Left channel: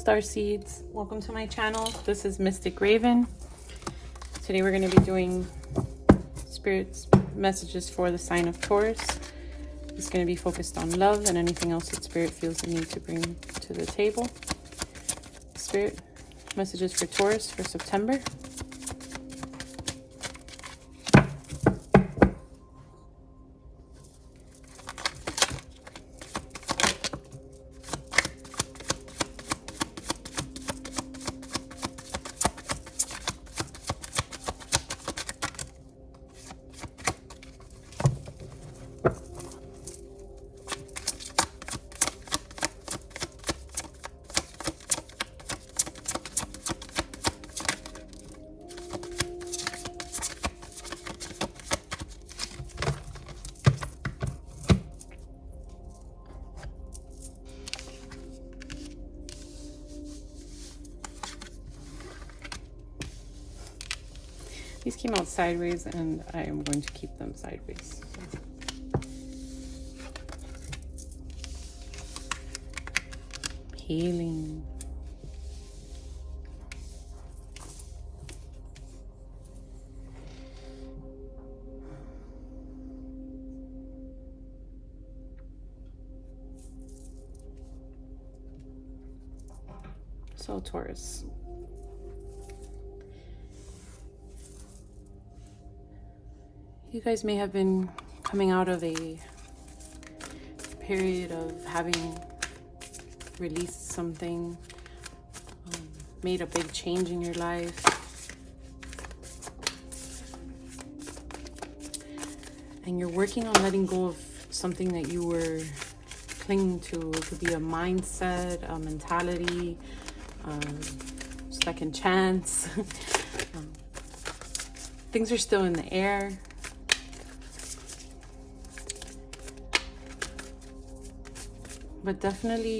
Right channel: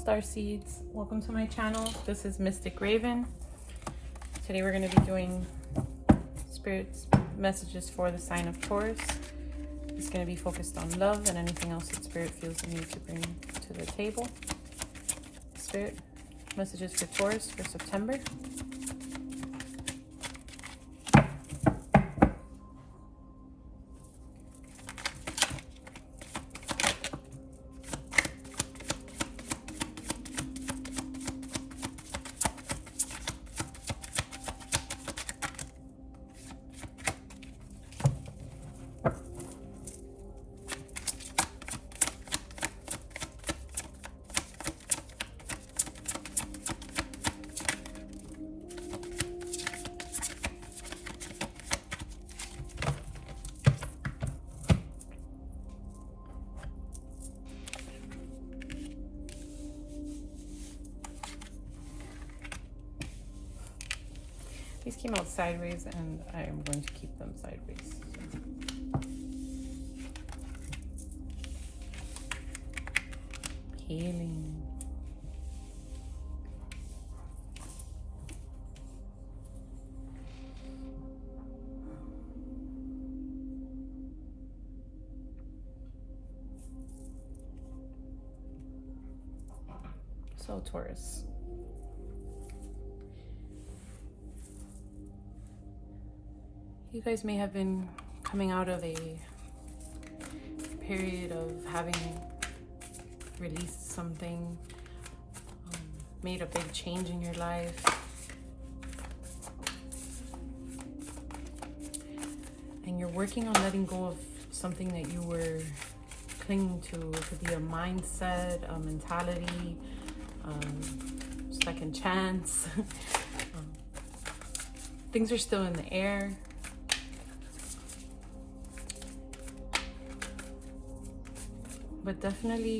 Starseeds, welcome to my channel. This is Mystic Raven. Today we're going to be doing Spirit's messages for the sign of Taurus. It's going to be focused on love and anything else that Spirit feels the need to bring to the table. Spirit messages for Taurus for September. These came out sideways and I'm going to keep them sideways. Healing. So Taurus. You guys may have been coming out of a period of having released something, made a big change in your life. And you're working on letting go of something that you were clinging to. It could be a mindset, a mentality, second chance. Things are still in the air. But definitely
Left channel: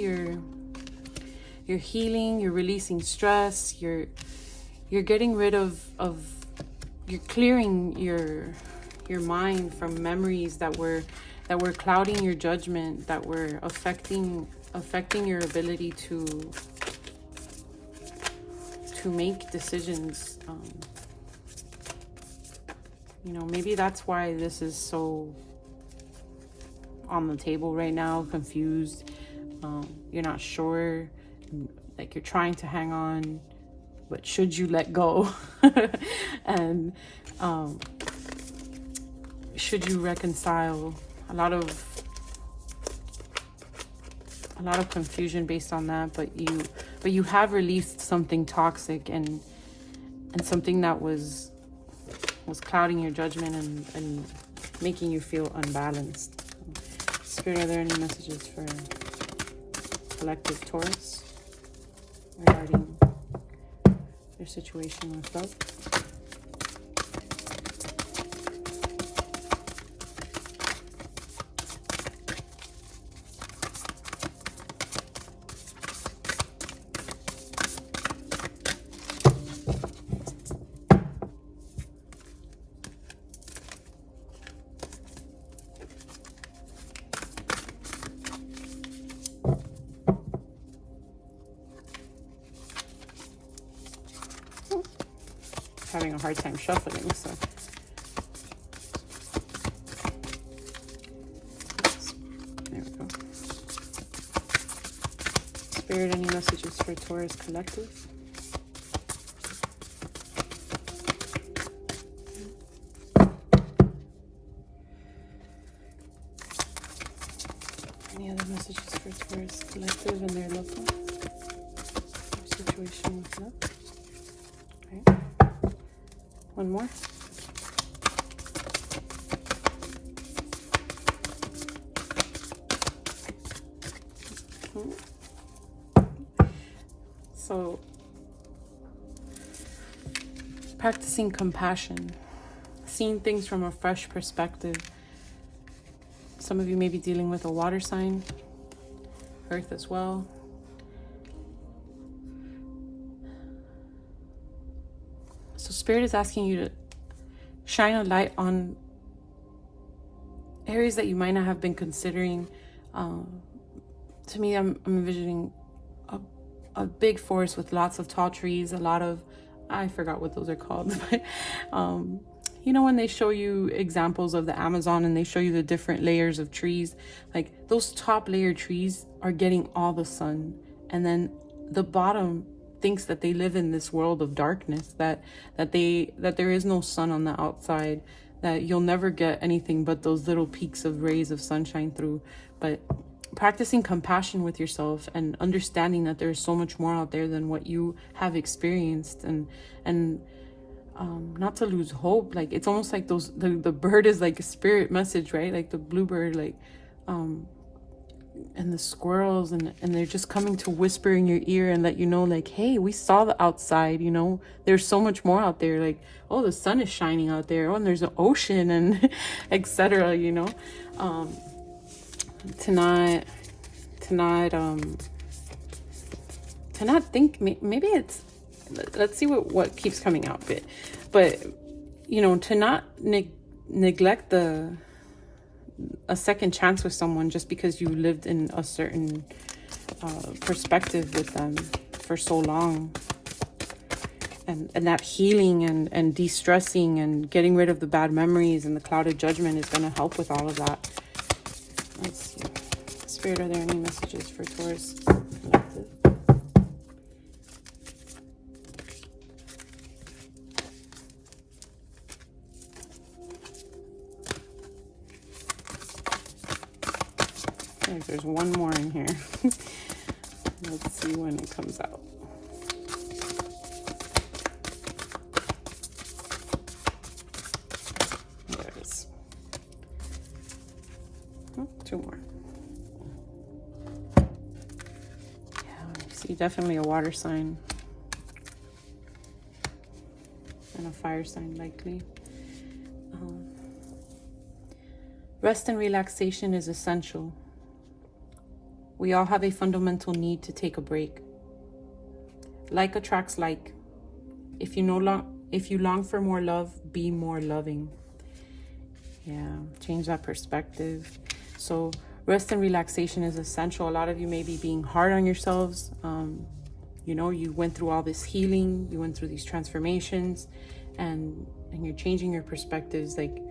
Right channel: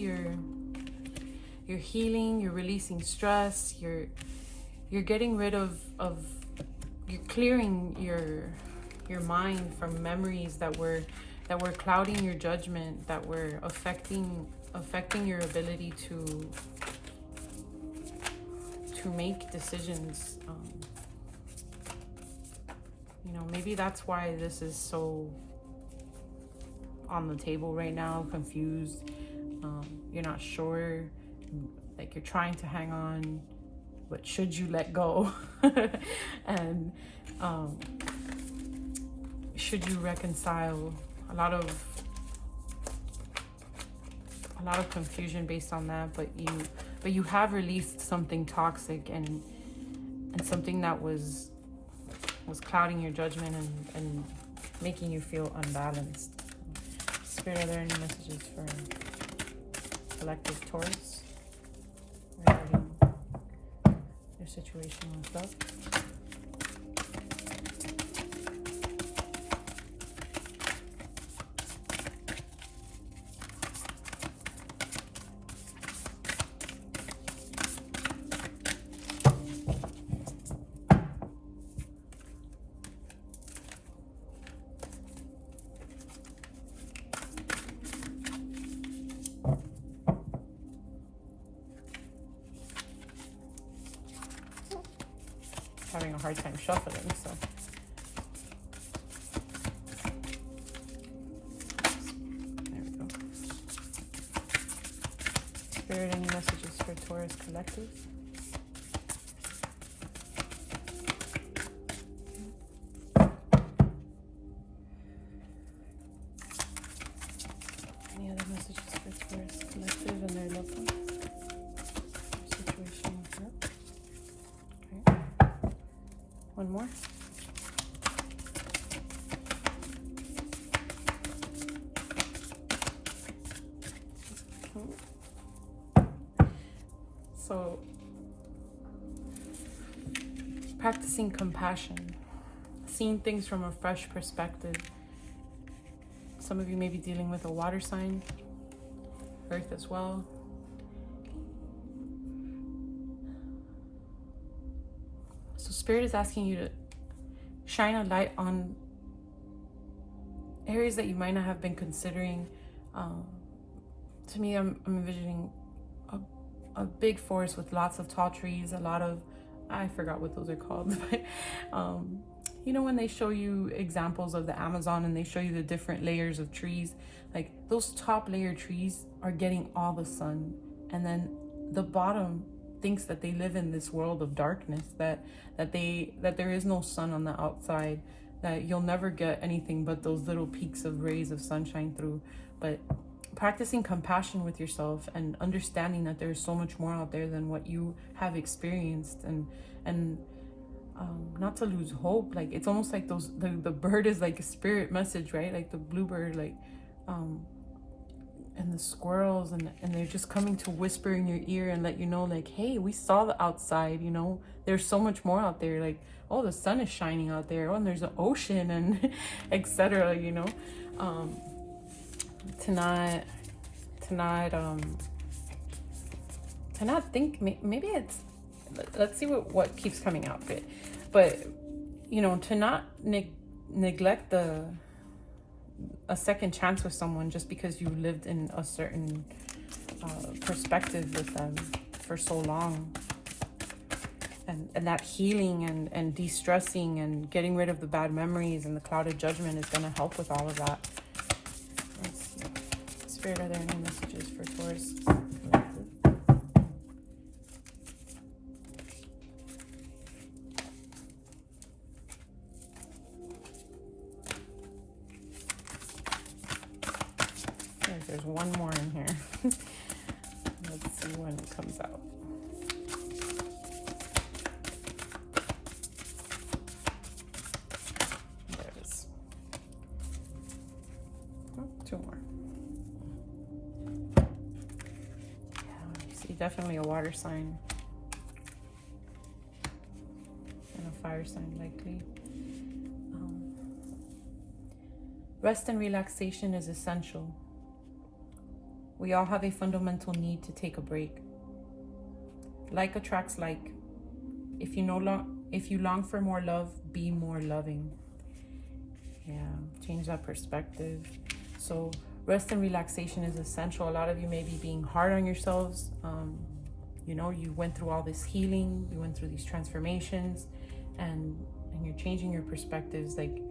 you're healing, you're releasing stress, you're getting rid of you're clearing your mind from memories that were clouding your judgment, that were affecting your ability to make decisions. You know, maybe that's why this is so on the table right now, confused. You're not sure, like you're trying to hang on, but should you let go? And should you reconcile? A lot of confusion based on that, but you have released something toxic and something that was clouding your judgment and making you feel unbalanced. Spirit, are there any messages for collective Taurus regarding their situation with love? Having a hard time shuffling, so there we go. Spirit, any messages for Taurus collective? Any other messages for Taurus collective and their loved ones? Their situation with love? One more. So, practicing compassion, seeing things from a fresh perspective. Some of you may be dealing with a water sign, earth as well. So Spirit is asking you to shine a light on areas that you might not have been considering. To me, I'm envisioning a big forest with lots of tall trees, a lot of, I forgot what those are called, but you know, when they show you examples of the Amazon and they show you the different layers of trees, like those top layer trees are getting all the sun, and then the bottom thinks that they live in this world of darkness, that there is no sun on the outside, that you'll never get anything but those little peaks of rays of sunshine through. But practicing compassion with yourself and understanding that there's so much more out there than what you have experienced, and not to lose hope. Like, it's almost like those, the bird is like a spirit message, right? Like the bluebird, like and the squirrels, and they're just coming to whisper in your ear and let you know, like, hey, we saw the outside, you know, there's so much more out there. Like, oh, the sun is shining out there, oh, and there's an ocean, and etc., you know. To not think, maybe it's, let's see what keeps coming out, but you know, to not neglect a second chance with someone just because you lived in a certain perspective with them for so long, and that healing and de-stressing and getting rid of the bad memories and the clouded judgment is going to help with all of that. Let's see. Spirit, are there any messages for Taurus? There's one more in here. Let's see when it comes out. There it is. Oh, two more. Yeah, you see definitely a water sign and a fire sign likely. Rest and relaxation is essential. We all have a fundamental need to take a break. Like attracts like. If you long for more love, be more loving. Yeah, change that perspective. So rest and relaxation is essential. A lot of you may be being hard on yourselves. You know, you went through all this healing, you went through these transformations, and you're changing your perspectives, like,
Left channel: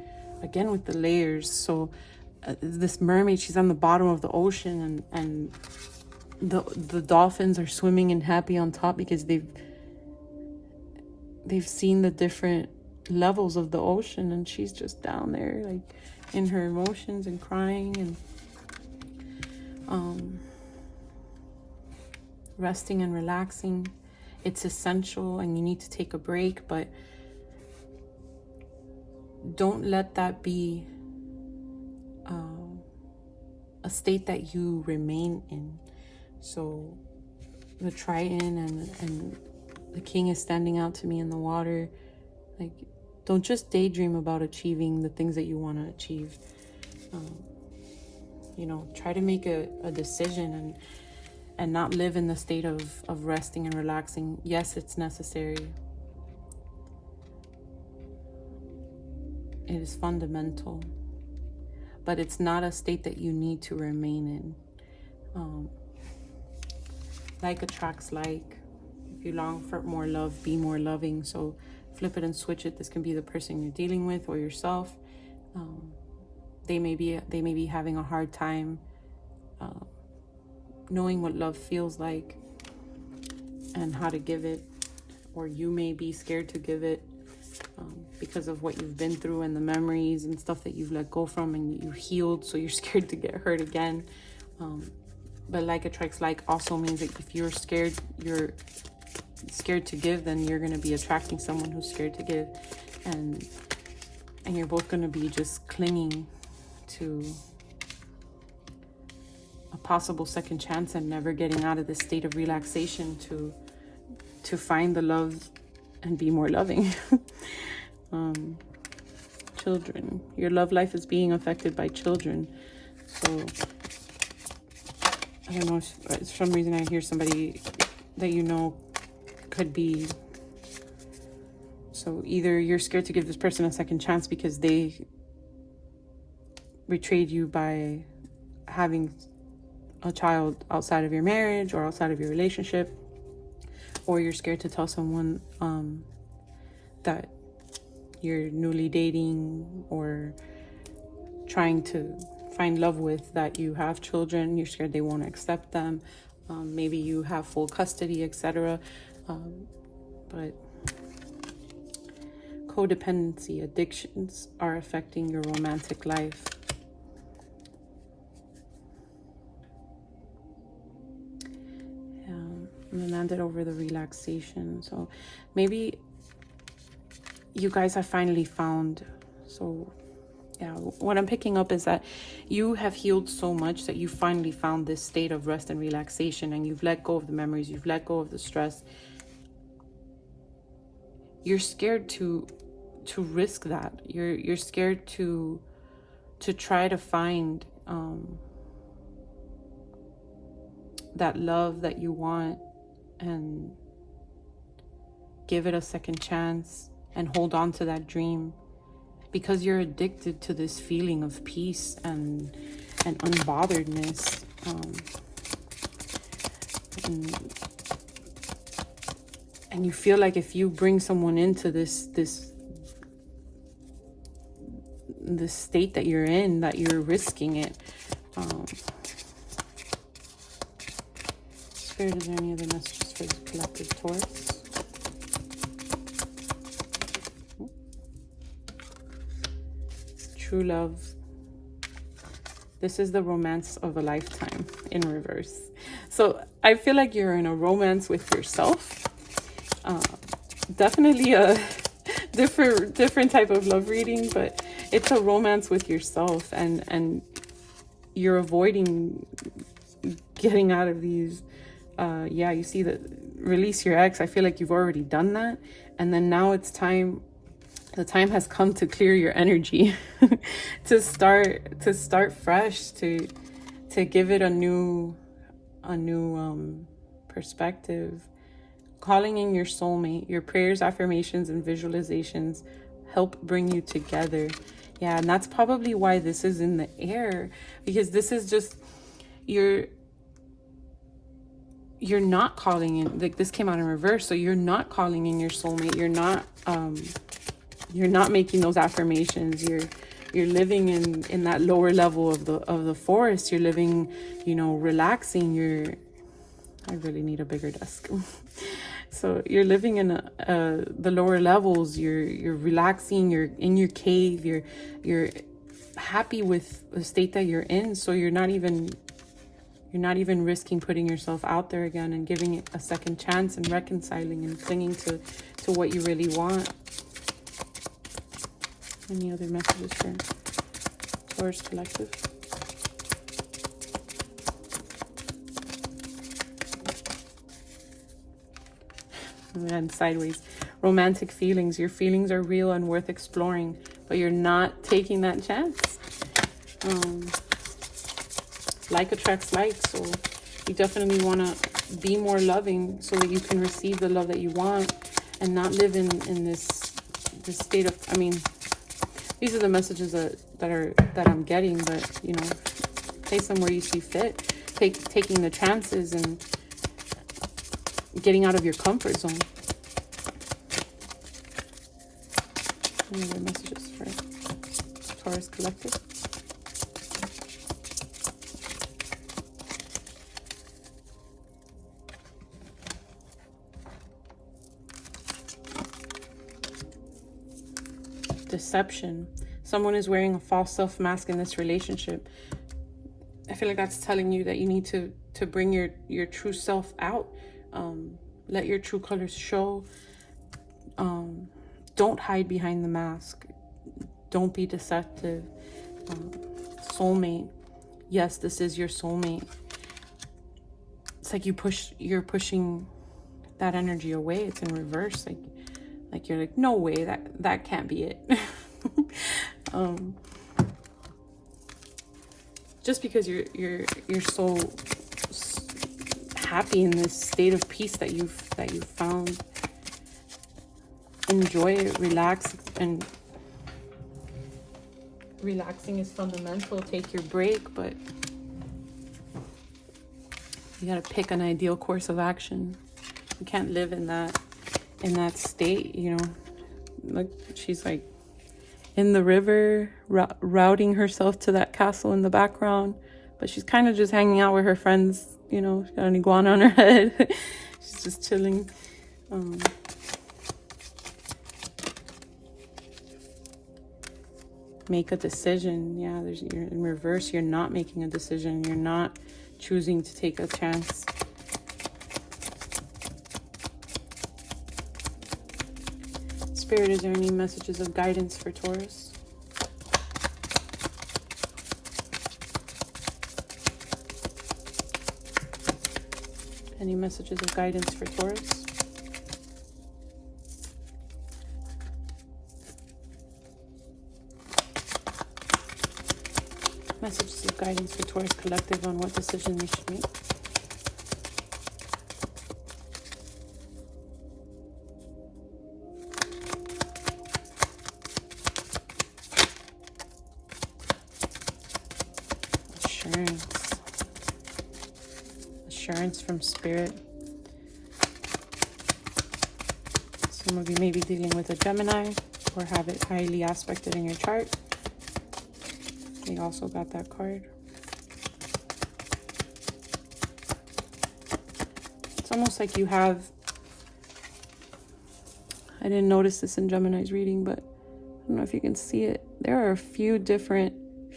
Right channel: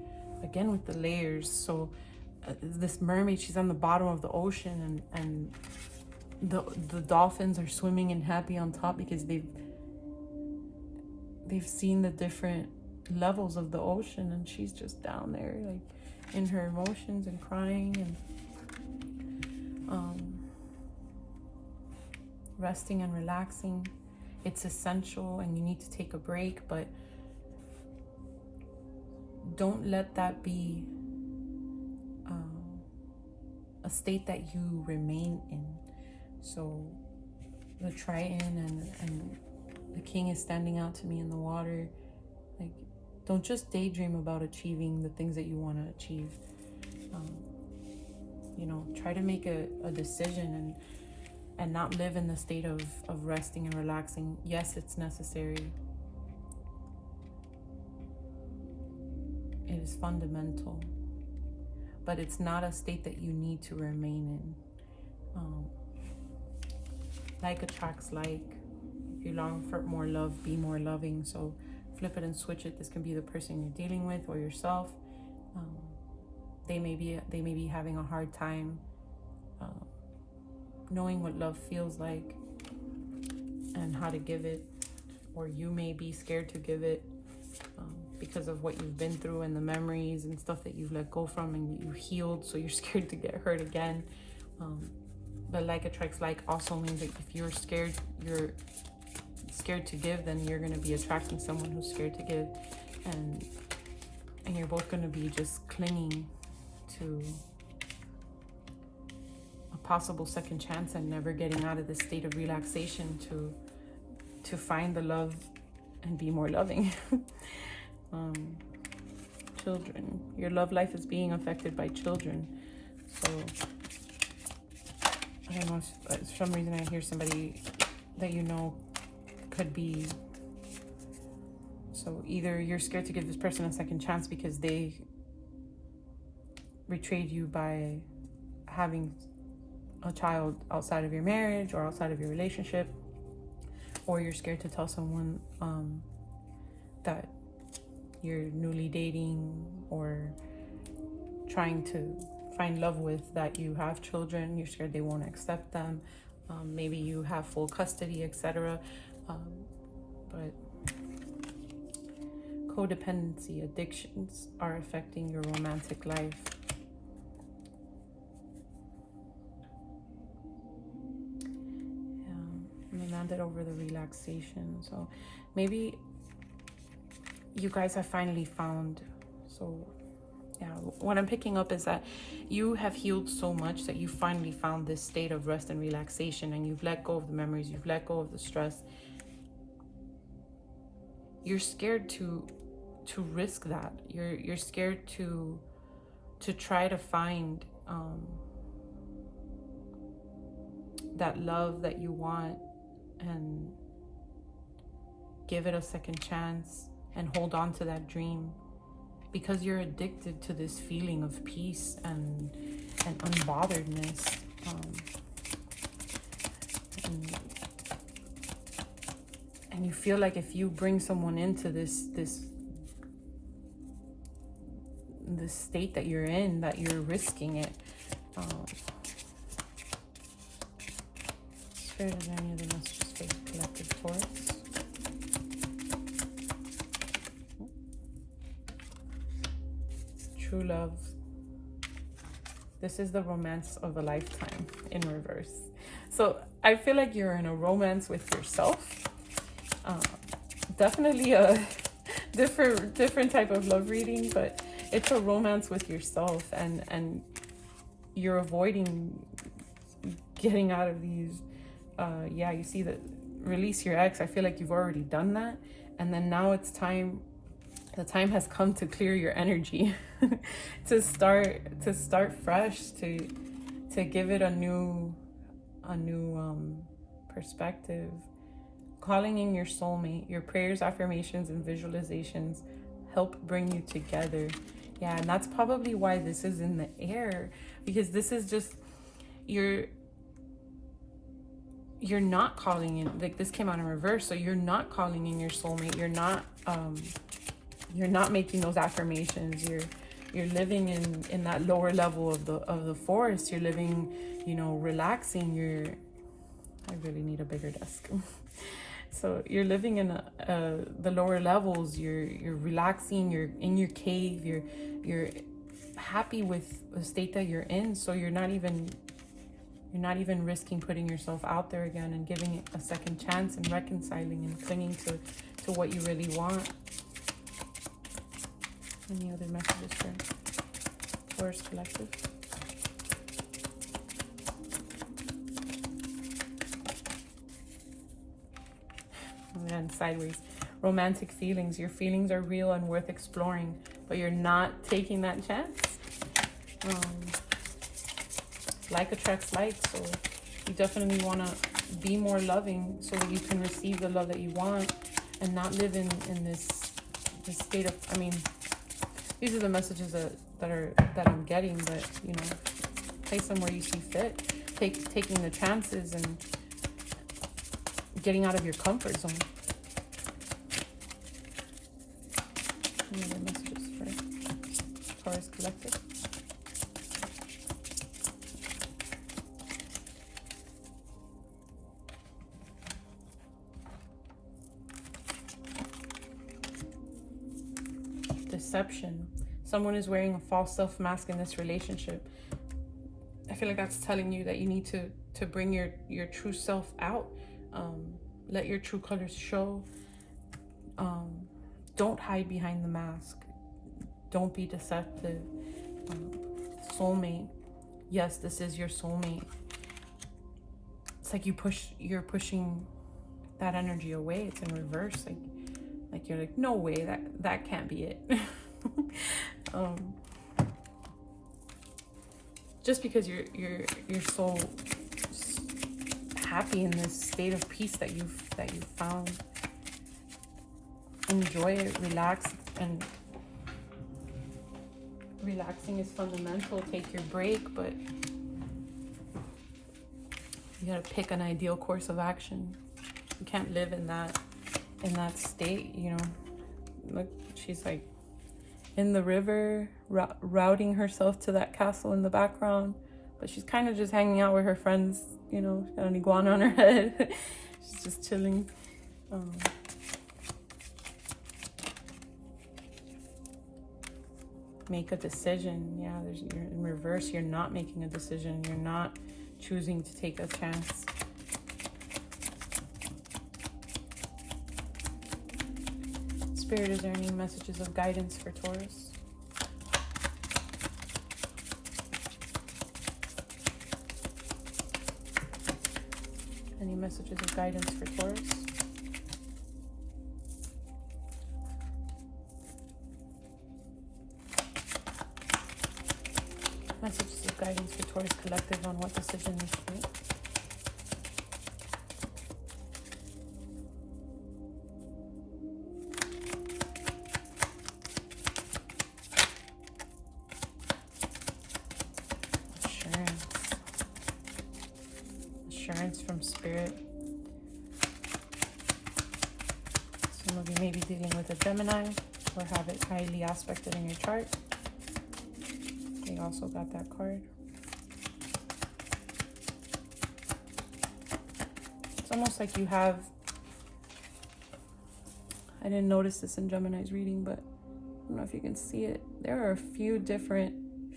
again, with the layers. So this mermaid, she's on the bottom of the ocean, and the dolphins are swimming and happy on top because they've seen the different levels of the ocean, and she's just down there, like, in her emotions and crying and resting and relaxing. It's essential, and you need to take a break, but don't let that be a state that you remain in. So the Triton and the king is standing out to me in the water. Like, don't just daydream about achieving the things that you want to achieve. You know, try to make a decision and not live in the state of resting and relaxing. Yes, it's necessary. It is fundamental, but it's not a state that you need to remain in. Like attracts like. If you long for more love, be more loving. So flip it and switch it. This can be the person you're dealing with or yourself. They may be having a hard time knowing what love feels like and how to give it, or you may be scared to give it. Because of what you've been through and the memories and stuff that you've let go from and you healed, so you're scared to get hurt again. But like attracts like also means that if you're scared to give, then you're going to be attracting someone who's scared to give, and you're both going to be just clinging to a possible second chance and never getting out of this state of relaxation to find the love and be more loving. Children, your love life is being affected by children. So I don't know if for some reason I hear somebody that you know could be, so either you're scared to give this person a second chance because they betrayed you by having a child outside of your marriage or outside of your relationship, or you're scared to tell someone that you're newly dating or trying to find love with that you have children. You're scared they won't accept them. Maybe you have full custody, etc. But codependency, addictions are affecting your romantic life. And then landed over the relaxation. So maybe you guys have finally found, so yeah, what I'm picking up is that you have healed so much that you finally found this state of rest and relaxation, and you've let go of the memories, you've let go of the stress. You're scared to risk that. You're scared to try to find that love that you want and give it a second chance and hold on to that dream, because you're addicted to this feeling of peace and unbotheredness. And you feel like if you bring someone into this state that you're in, that you're risking it. Spirit, is there any other messages for the collective Taurus? True love. This is the romance of a lifetime in reverse. So I feel like you're in a romance with yourself. Definitely a different type of love reading, but it's a romance with yourself, and you're avoiding getting out of these. Yeah, you see that release your ex. I feel like you've already done that, and then now it's time. The time has come to clear your energy, to start fresh, to give it a new perspective. Calling in your soulmate, your prayers, affirmations, and visualizations help bring you together. Yeah, and that's probably why this is in the air, because this is just you're not calling in, like this came out in reverse, so you're not calling in your soulmate. You're not making those affirmations. You're living in that lower level of the forest. You're living, relaxing. I really need a bigger desk. So you're living in the lower levels. You're relaxing. You're in your cave. You're happy with the state that you're in. So you're not even risking putting yourself out there again and giving it a second chance and reconciling and clinging to what you really want. Any other messages for Taurus collective? And sideways. Romantic feelings. Your feelings are real and worth exploring, but you're not taking that chance. Like attracts like, so you definitely want to be more loving so that you can receive the love that you want and not live in this state of, these are the messages that I'm getting, but place them where you see fit. Taking the chances and getting out of your comfort zone. Any other messages for Taurus collective? Deception. Someone is wearing a false self mask in this relationship. I feel like that's telling you that you need to bring your true self out. Let your true colors show. Don't hide behind the mask. Don't be deceptive. Soulmate. Yes, this is your soulmate. It's like you're pushing that energy away. It's in reverse. Like you're like, no way, that can't be it. Just because you're so happy in this state of peace that you've found. Enjoy it, relax, and relaxing is fundamental. Take your break, but you gotta pick an ideal course of action. You can't live in that state, you know. Look, she's like in the river, routing herself to that castle in the background, but she's kind of just hanging out with her friends, you know. She's got an iguana on her head. She's just chilling. Make a decision. Yeah, you're in reverse. You're not making a decision. You're not choosing to take a chance. Spirit, is there any messages of guidance for Taurus? Any messages of guidance for Taurus? Messages of guidance for Taurus collective on what decision they should make. Assurance from Spirit. Some of you may be dealing with a Gemini or have it highly aspected in your chart. We also got that card. It's almost like you have, I didn't notice this in Gemini's reading, but I don't know if you can see it. There are a few different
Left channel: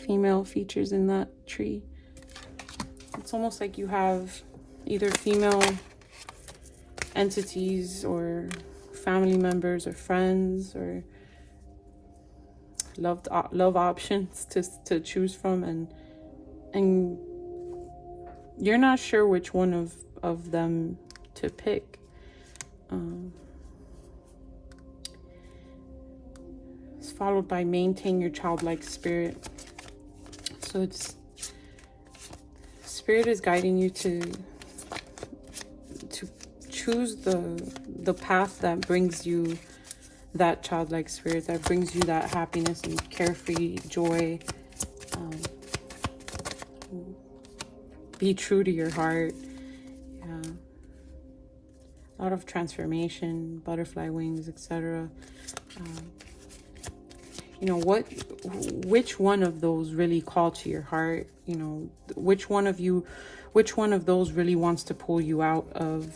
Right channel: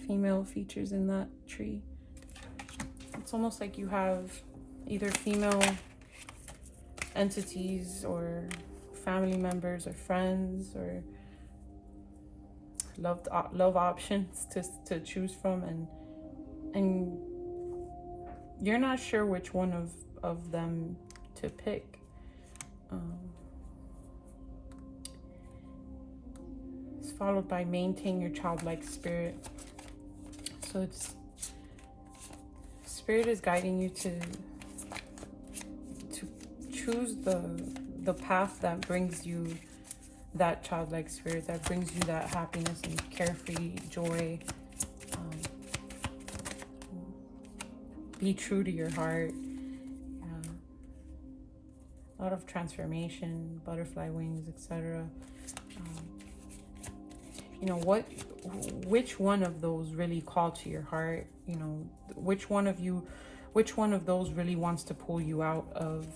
female features in that tree. It's almost like you have either female entities or family members or friends or love options to choose from, and you're not sure which one of them to pick. It's followed by maintain your childlike spirit. So it's Spirit is guiding you to choose the path that brings you that childlike spirit, that brings you that happiness and carefree joy. Be true to your heart. Yeah. A lot of transformation, butterfly wings, etc. You know, which one of those really call to your heart? You know, which one of those really wants to pull you out of,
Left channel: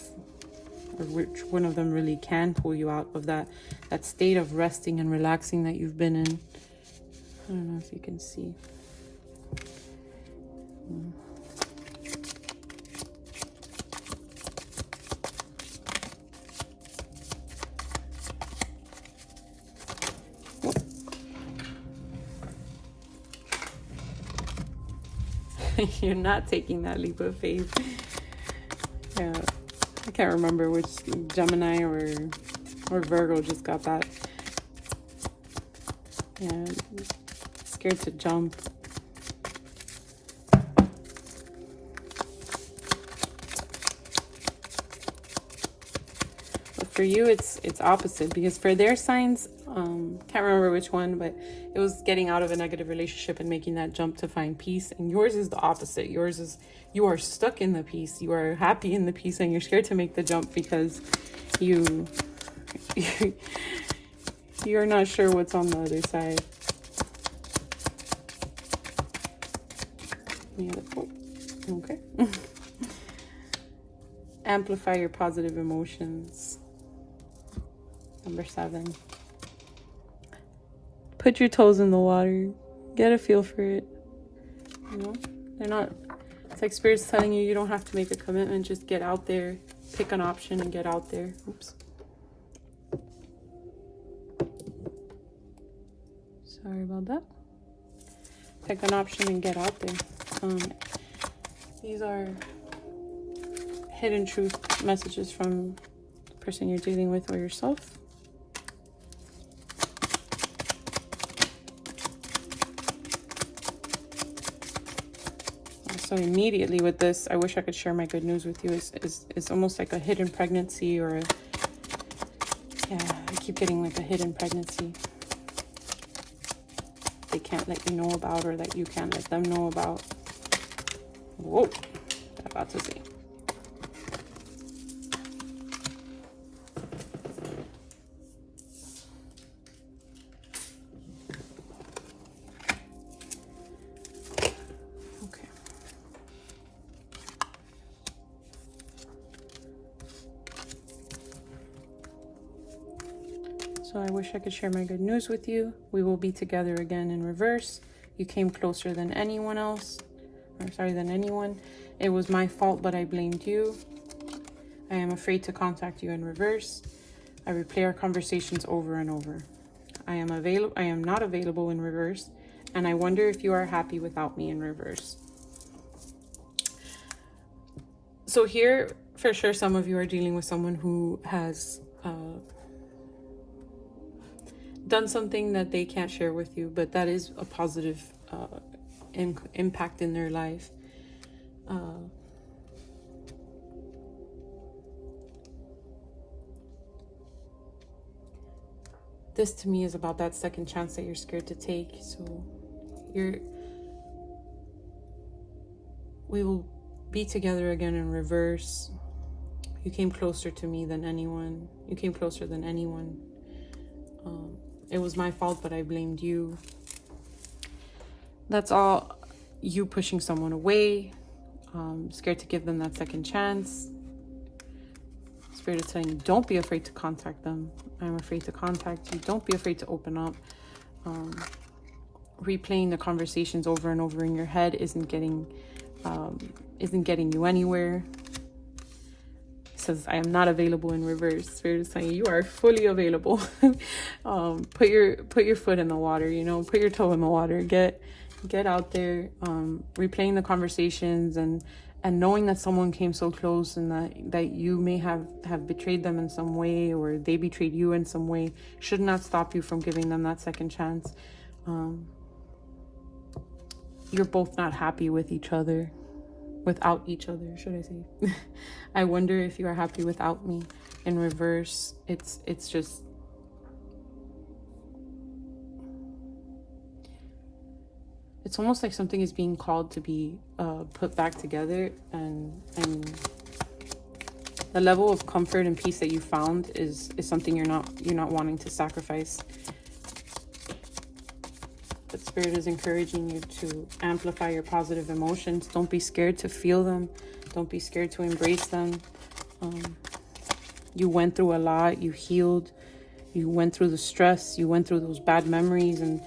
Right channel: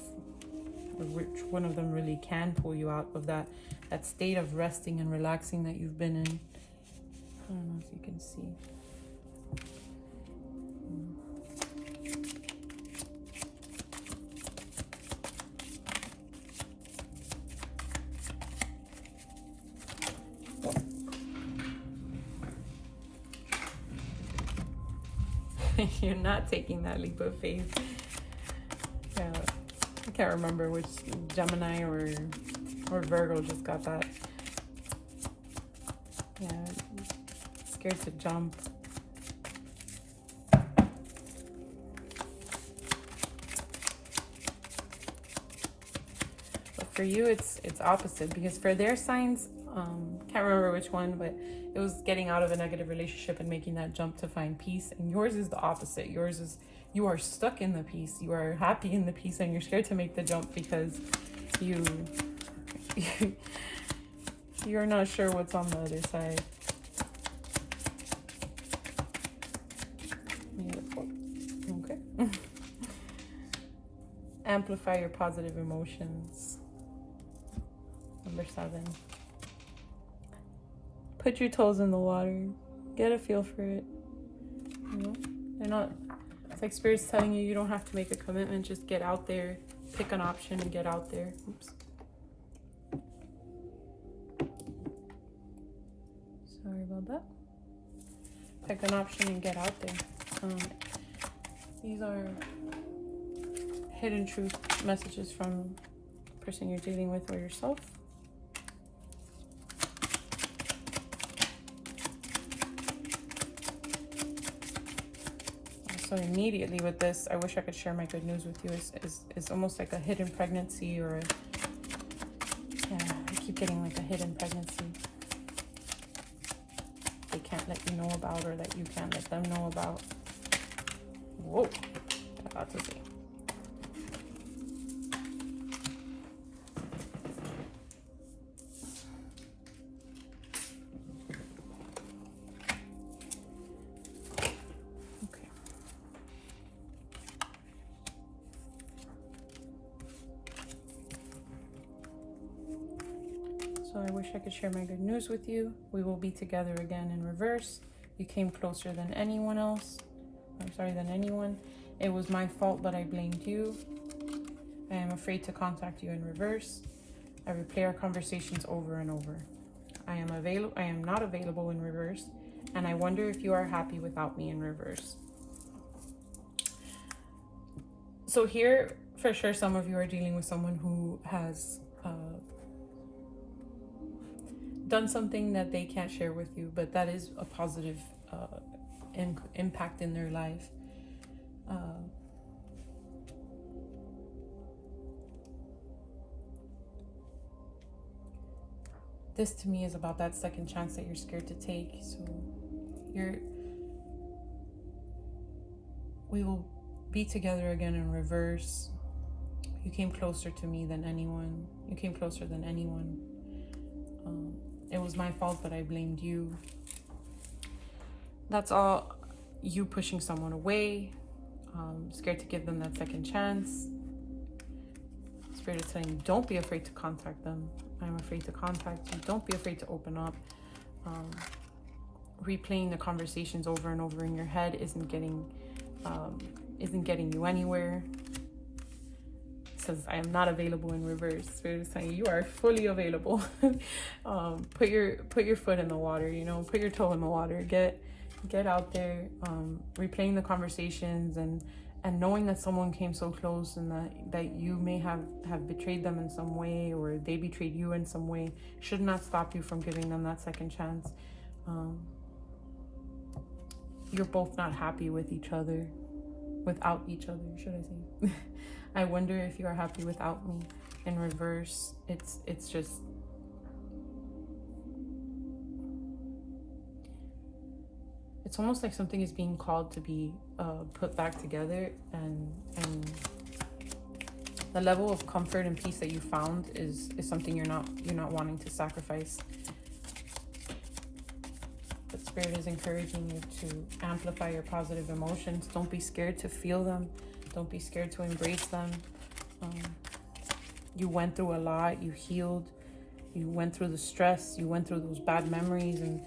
or which one of them really can pull you out of that state of resting and relaxing that you've been in. I don't know if you can see. You're not taking that leap of faith. Yeah, I can't remember which Gemini or Virgo just got that. Yeah, scared to jump. But for you, it's opposite, because for their signs, can't remember which one, but it was getting out of a negative relationship and making that jump to find peace. And yours is the opposite. Yours is, you are stuck in the peace. You are happy in the peace, and you're scared to make the jump because you're not sure what's on the other side. Beautiful. Okay. Amplify your positive emotions. Number 7. Put your toes in the water. Get a feel for it. You know, they're not, it's like Spirit's telling you, you don't have to make a commitment. Just get out there, pick an option and get out there. Oops. Sorry about that. Pick an option and get out there. These are hidden truth messages from the person you're dealing with or yourself. So immediately with this, I wish I could share my good news with you. Is almost like a hidden pregnancy, or yeah, I keep getting like a hidden pregnancy they can't let you know about, or that you can't let them know about. Whoa, I'm about to say. So I wish I could share my good news with you. We will be together again in reverse. You came closer than anyone else. I'm sorry, than anyone. It was my fault, but I blamed you. I am afraid to contact you in reverse. I replay our conversations over and over. I am not available in reverse, and I wonder if you are happy without me in reverse. So here, for sure, some of you are dealing with someone who has done something that they can't share with you, but that is a positive impact in their life. This to me is about that second chance that you're scared to take. So we will be together again in reverse. You came closer to me than anyone. You came closer than anyone. It was my fault, but I blamed you. That's all you pushing someone away, scared to give them that second chance. Spirit is telling you, don't be afraid to contact them. I'm afraid to contact you. Don't be afraid to open up. Replaying the conversations over and over in your head isn't getting you anywhere. It says, I am not available in reverse. Spirit is telling you, you are fully available. Put your foot in the water, you know, put your toe in the water. Get out there, replaying the conversations and knowing that someone came so close and that you may have betrayed them in some way, or they betrayed you in some way, should not stop you from giving them that second chance. You're both not happy with each other, without each other, should I say. I wonder if you are happy without me in reverse. It's just, it's almost like something is being called to be put back together, and the level of comfort and peace that you found is something you're not wanting to sacrifice. But Spirit is encouraging you to amplify your positive emotions. Don't be scared to feel them. Don't be scared to embrace them. You went through a lot. You healed. You went through the stress. You went through those bad memories, and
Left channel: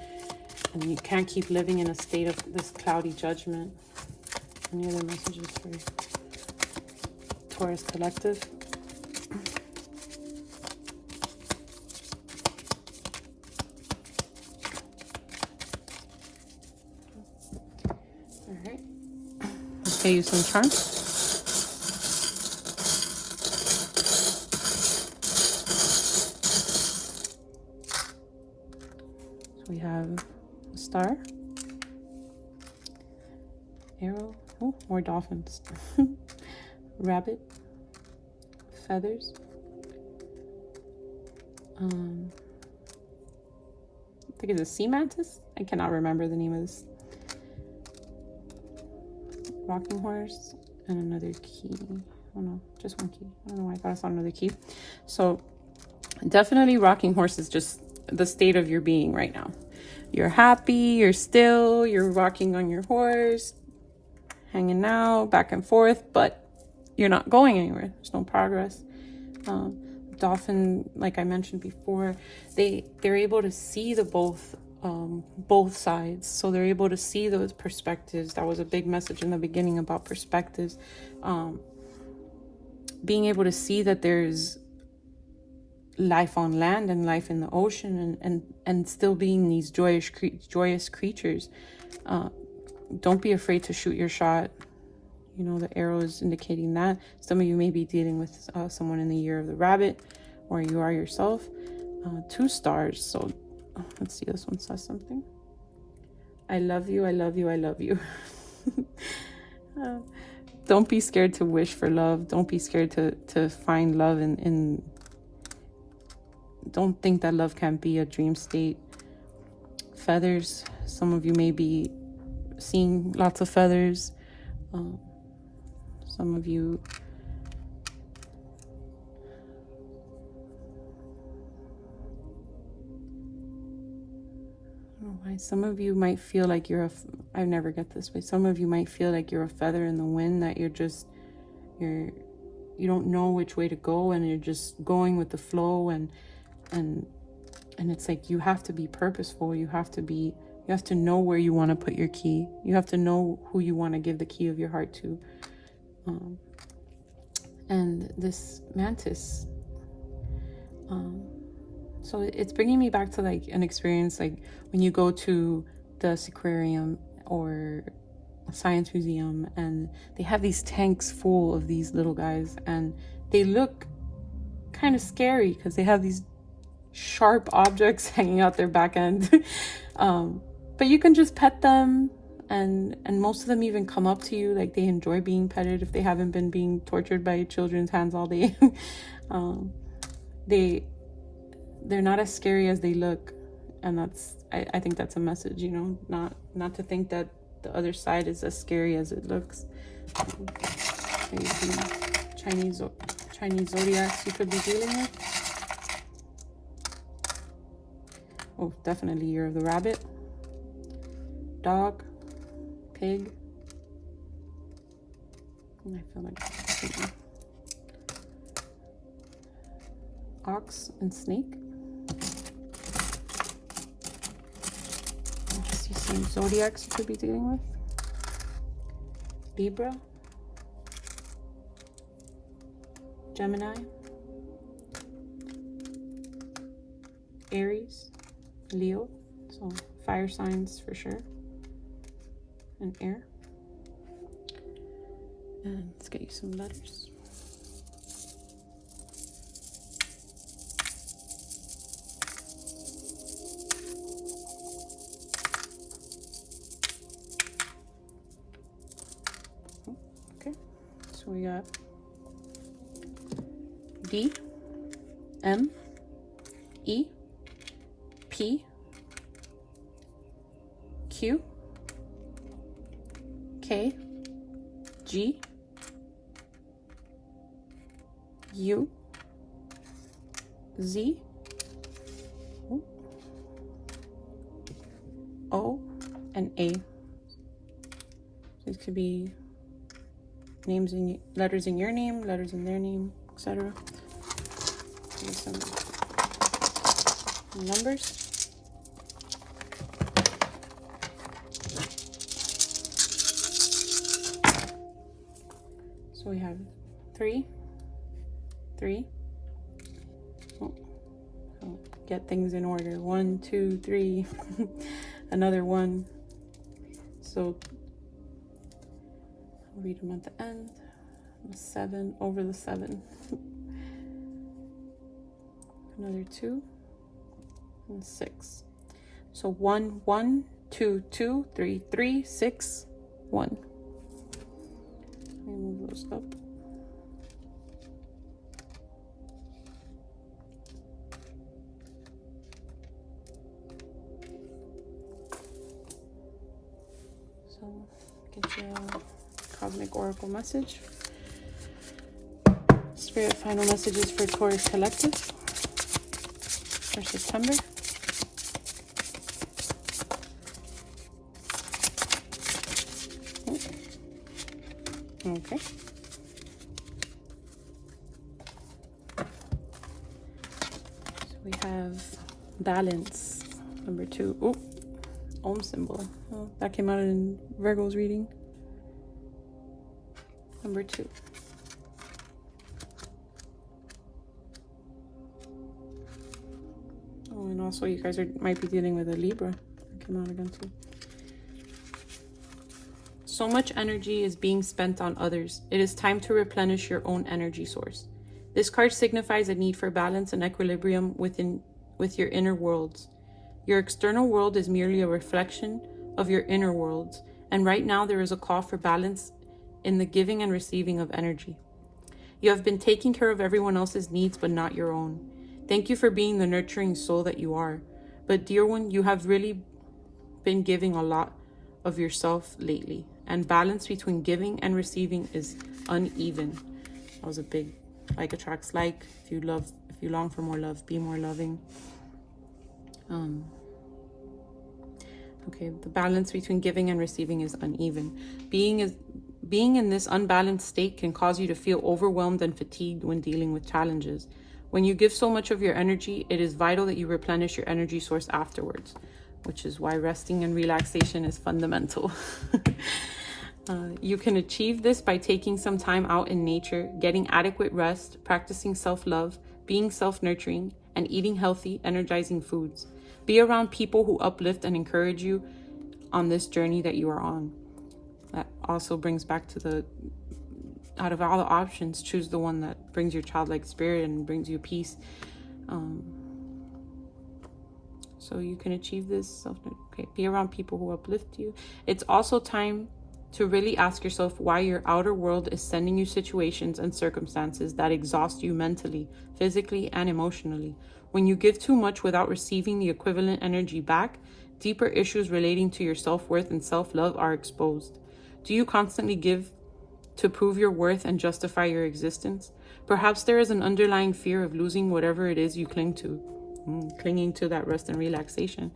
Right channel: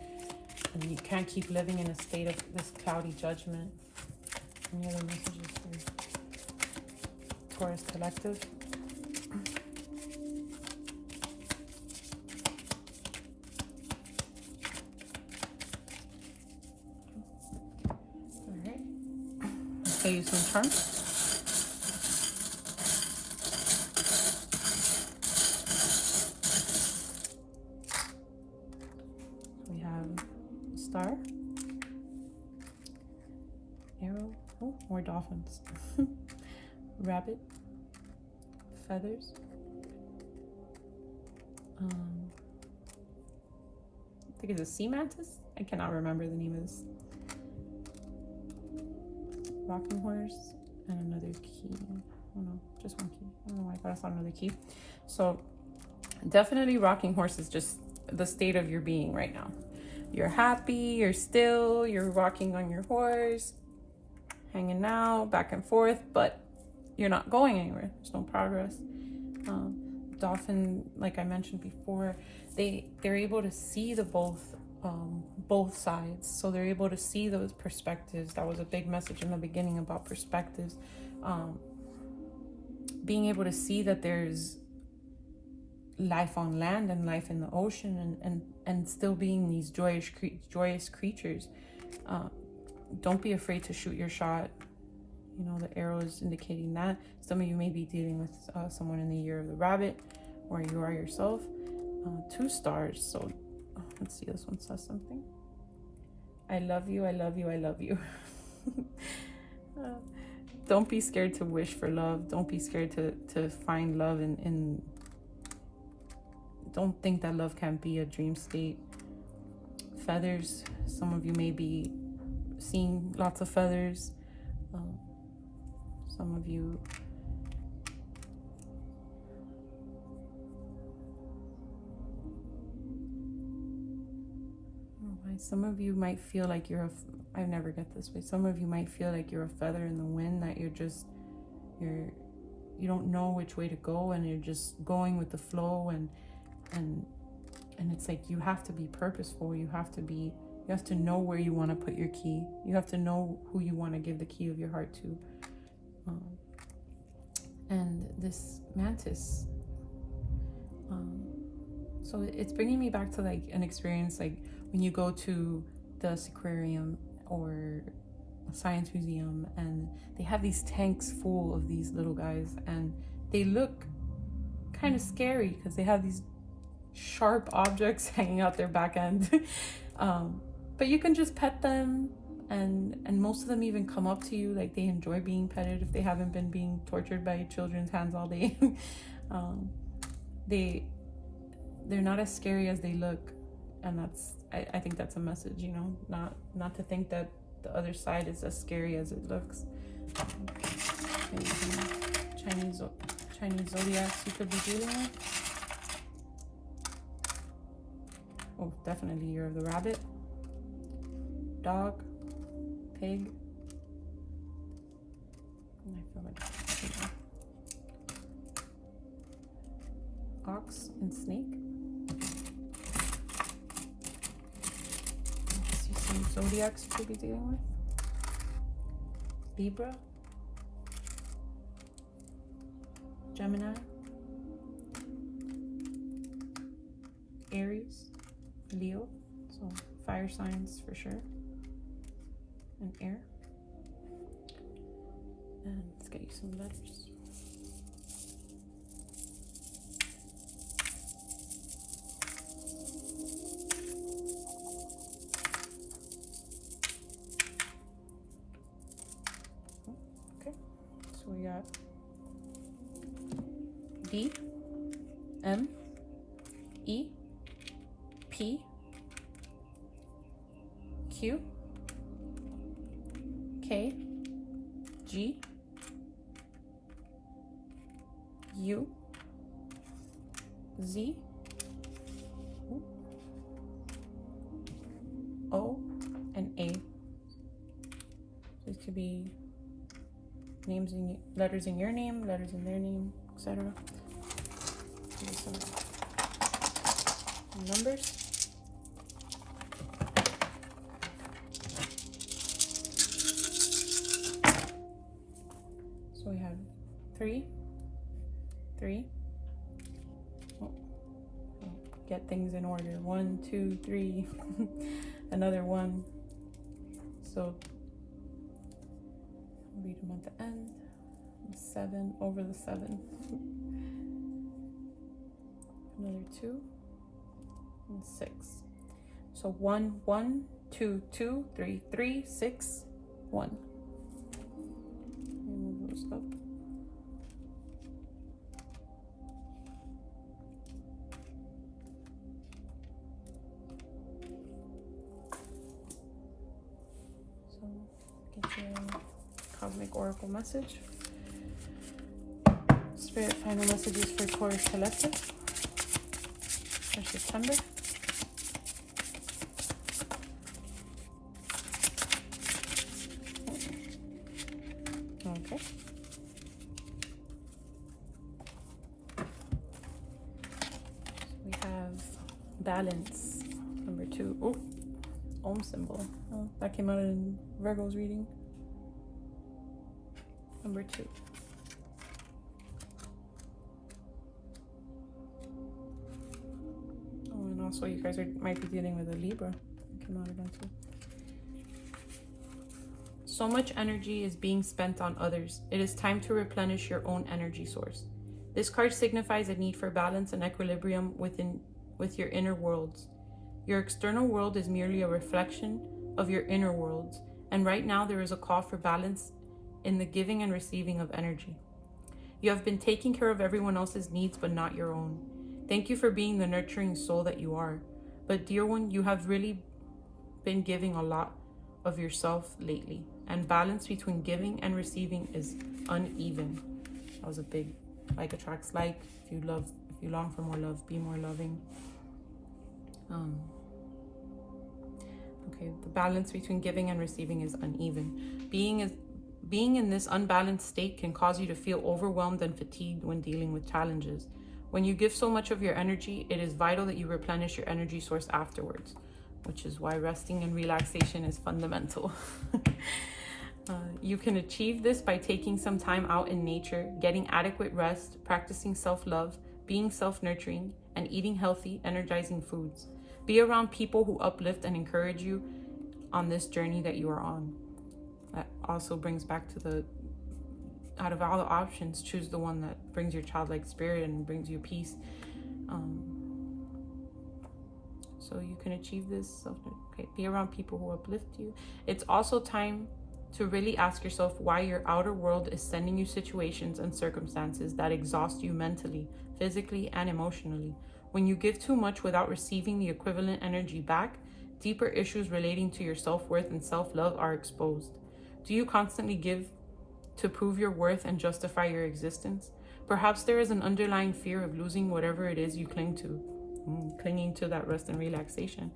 you can't keep living in a state of this cloudy judgment. Any other messages for Taurus Collective? All right. Okay, use some charms. So we have a star, arrow, oh, more dolphins, rabbit, feathers, I think it's a sea mantis. I cannot remember the name of this. Rocking horse, and another key. Oh no, just one key. I don't know why I thought I saw another key. So definitely rocking horse is just the state of your being right now. You're happy, you're still, you're rocking on your horse, hanging out back and forth, but you're not going anywhere. There's no progress. Dolphin, like I mentioned before, they're able to see the both sides. So they're able to see those perspectives. That was a big message in the beginning about perspectives. Being able to see that there's life on land and life in the ocean, and still being these joyous creatures. Don't be afraid to shoot your shot. You know, the arrow is indicating that. Some of you may be dealing with someone in the year of the rabbit, or you are yourself. 2 stars. So let's see, this one says something. I love you, I love you, I love you. Don't be scared to wish for love. Don't be scared to find love in don't think that love can't be a dream state. Feathers. Some of you may be seeing lots of feathers. Some of you some of you might feel like you're I never get this way. Some of you might feel like you're a feather in the wind, that you don't know which way to go, and you're just going with the flow, and And it's like, you have to be purposeful. You have to know where you want to put your key. You have to know who you want to give the key of your heart to. And this mantis, so it's bringing me back to like an experience, like when you go to the aquarium or a science museum, and they have these tanks full of these little guys, and they look kind of scary because they have these sharp objects hanging out their back end. But you can just pet them, and most of them even come up to you, like they enjoy being petted if they haven't been being tortured by children's hands all day. They're not as scary as they look, and I think that's a message, you know, not to think that the other side is as scary as it looks. Maybe some Chinese zodiacs you could be dealing with. Oh, definitely year of the rabbit, dog, pig. I feel like ox and snake. I see some zodiacs you could be dealing with. Libra, Gemini, Aries, Leo, so fire signs for sure, and air. And let's get you some letters. Okay, so we got D, M, E, P, Q, K, G, U, Z, O, and A. These could be names in letters in your name, letters in their name, etc. Some numbers. So we have 3, 3. Oh, get things in order. 1, 2, 3. Another 1. So I'll read them at the end. 7 over the 7. Another 2 and 6. So 1, 1, 2, 2, 3, 3, 6, 1. Move those up. So get your cosmic oracle message. Spirit final messages for Taurus collective for September. Okay. So we have balance, number 2. Oh, Om symbol. Oh, that came out in Virgo's reading. Number 2. Oh, and also you guys might be dealing with a Libra. That came out again too. So much energy is being spent on others. It is time to replenish your own energy source. This card signifies a need for balance and equilibrium with your inner worlds. Your external world is merely a reflection of your inner worlds, and right now there is a call for balance in the giving and receiving of energy. You have been taking care of everyone else's needs, but not your own. Thank you for being the nurturing soul that you are. But dear one, you have really been giving a lot of yourself lately, and balance between giving and receiving is uneven. That was a big like attracts like. If you long for more love, be more loving. Okay, the balance between giving and receiving is uneven. Being in this unbalanced state can cause you to feel overwhelmed and fatigued when dealing with challenges. When you give so much of your energy, it is vital that you replenish your energy source afterwards, which is why resting and relaxation is fundamental. You can achieve this by taking some time out in nature, getting adequate rest, practicing self-love, being self-nurturing, and eating healthy, energizing foods. Be around people who uplift and encourage you on this journey that you are on. That also brings back to the, out of all the options, choose the one that brings your childlike spirit and brings you peace. So you can achieve this. Okay, be around people who uplift you. It's also time to really ask yourself why your outer world is sending you situations and circumstances that exhaust you mentally, physically, and emotionally. When you give too much without receiving the equivalent energy back, deeper issues relating to your self-worth and self-love are exposed. Do you constantly give to prove your worth and justify your existence? Perhaps there is an underlying fear of losing whatever it is you cling to. Clinging to that rest and relaxation.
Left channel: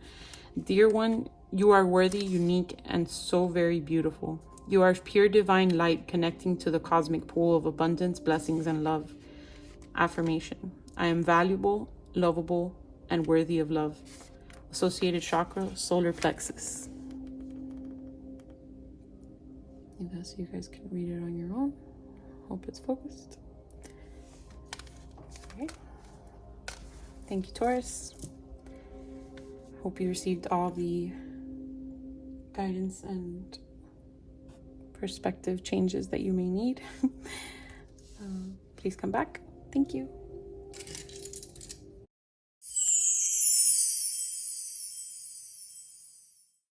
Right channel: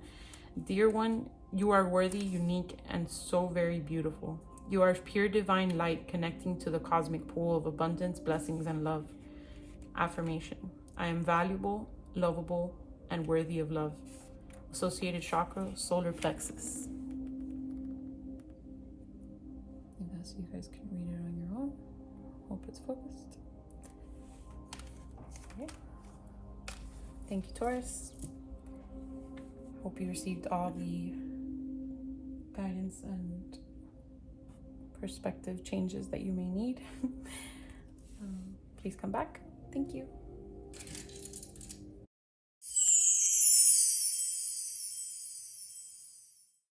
Dear one, you are worthy, unique, and so very beautiful. You are pure divine light connecting to the cosmic pool of abundance, blessings, and love. Affirmation: I am valuable, lovable, and worthy of love. Associated chakra, solar plexus. So you guys can read it on your own. Hope it's focused. Okay. Thank you, Taurus. Hope you received all the guidance and perspective changes that you may need. Please come back. Thank you.